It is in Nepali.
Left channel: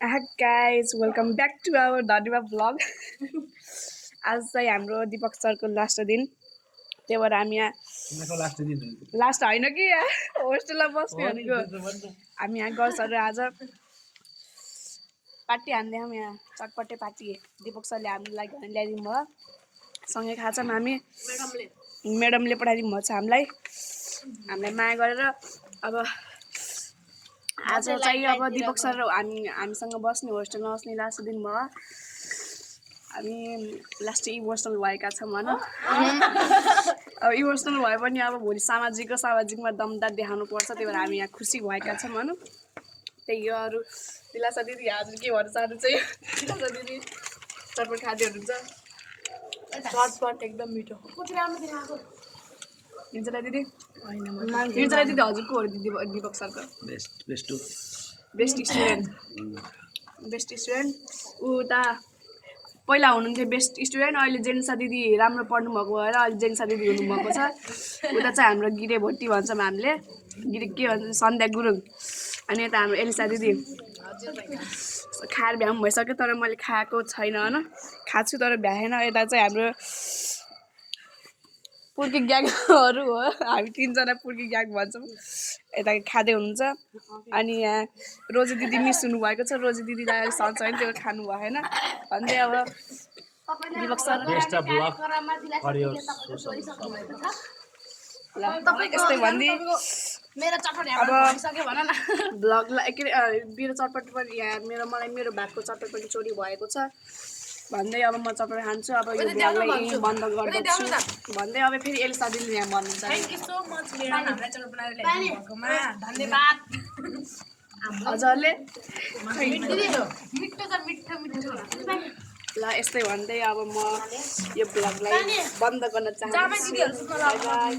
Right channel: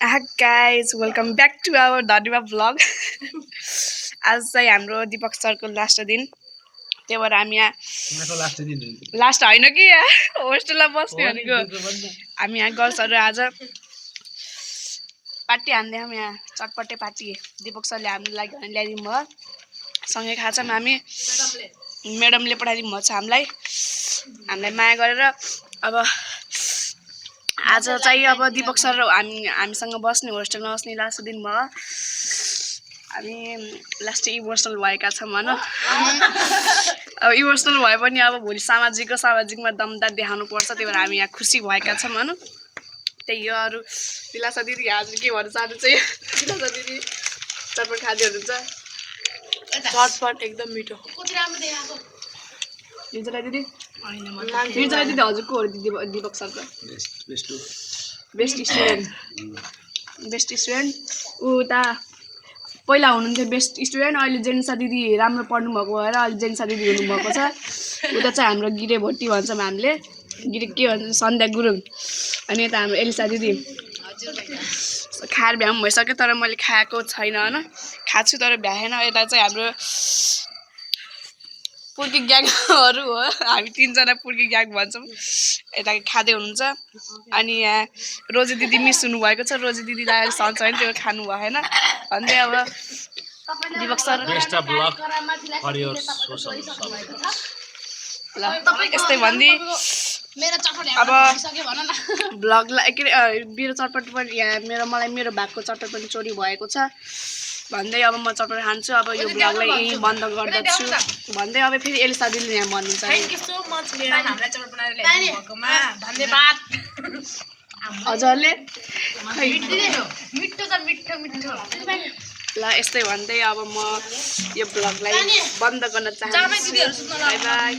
guys welcome back to our Dhanima vlog आज चाहिँ हाम्रो दिपक सरको लास्ट दिन त्यही भएर हामी यहाँ लास्ट होइन कि होस्टेलमा बस्ने भनेको हामी यहाँ गर्ल्सहरू आज पार्टी हान्दै हामी यहाँ चटपटे पार्टी दिपक सरले हाम्रो लागि भने ल्याइदिनु भयो सँगै खान्छौँ हामी म्याडमले पठाइदिनु भएको छ हामीलाई माया गरेर अब आज चाहिँ अब दिपक सर हामीसँग बस्ने होस्टेलमा बस्ने लास्ट दिन भयो हामी लास्ट इमोसनल भएका छौँ होइन अब इमोसनल भए पनि अब भोलि सामाजिकमा दमदार देखाउनु पर्छ त्यही भएर हामी यहाँ खुसी भएका छौँ होइन त्यही हो अरू विलासा दिदी हजुर के भन्न चाहनु चाहिँ विलासा दिदी चटपट खाँदै हुनुहुन्छ चटपट एकदम मिठो निर्जला दिदी निर्जला दिदी हजुरको हो दिपक सरको बेस्ट स्टुडेन्ट उता पहिला हुनुहुन्थ्यो बेस्ट स्टुडेन्ट अहिले जेन्सा दिदी राम्रो पढ्नु भएको भएर अहिले जेन्सा दिदी हुनुभएको छ उता चाहिँ हाम्रो गिरे भोटी भन्छौँ हामीले गिरे के भन्छ सन्ध्या गुरुङ अनि यता हाम्रो एलिसा दिदी खाएर भ्याम भइसक्यो तर मैले खाएको छैन होइन खाएको छु तर भ्याएन यता चाहिँ हाम्रो पुर्की ग्याङहरू हो हामी तीनजना पुर्की ग्याङ भन्छौँ यता खाँदै हुनुहुन्छ अनि यहाँ रोजी दिदी मिस हुनुभएको छ रोजी दिदीलाई अहिले सन्च होइन त्यो खानु भएन भन्दै अब दिपक सर ल यस्तै भन्दै अब भ्लगलाई के अरे मेरो चटपट पनि यहाँ मेरो भागको चटपट पनि चोरी भएको छ भन्दै अब म चटपट खान्छु अब यो भ्लगलाई यही बन्द गर्दछु भन्दै अब फेरि एलिसा दिदीले यहाँ भन्नुहुन्छ थ्याङ्क यू सो मच हामीलाई चटपट बनाएर ल्याइदिनु भएकोमा धन्यवाद हजुरले ल यस्तै भन्दै अब म यो भ्लगलाई बन्द गर्न चाहन्छु बाइ बाइ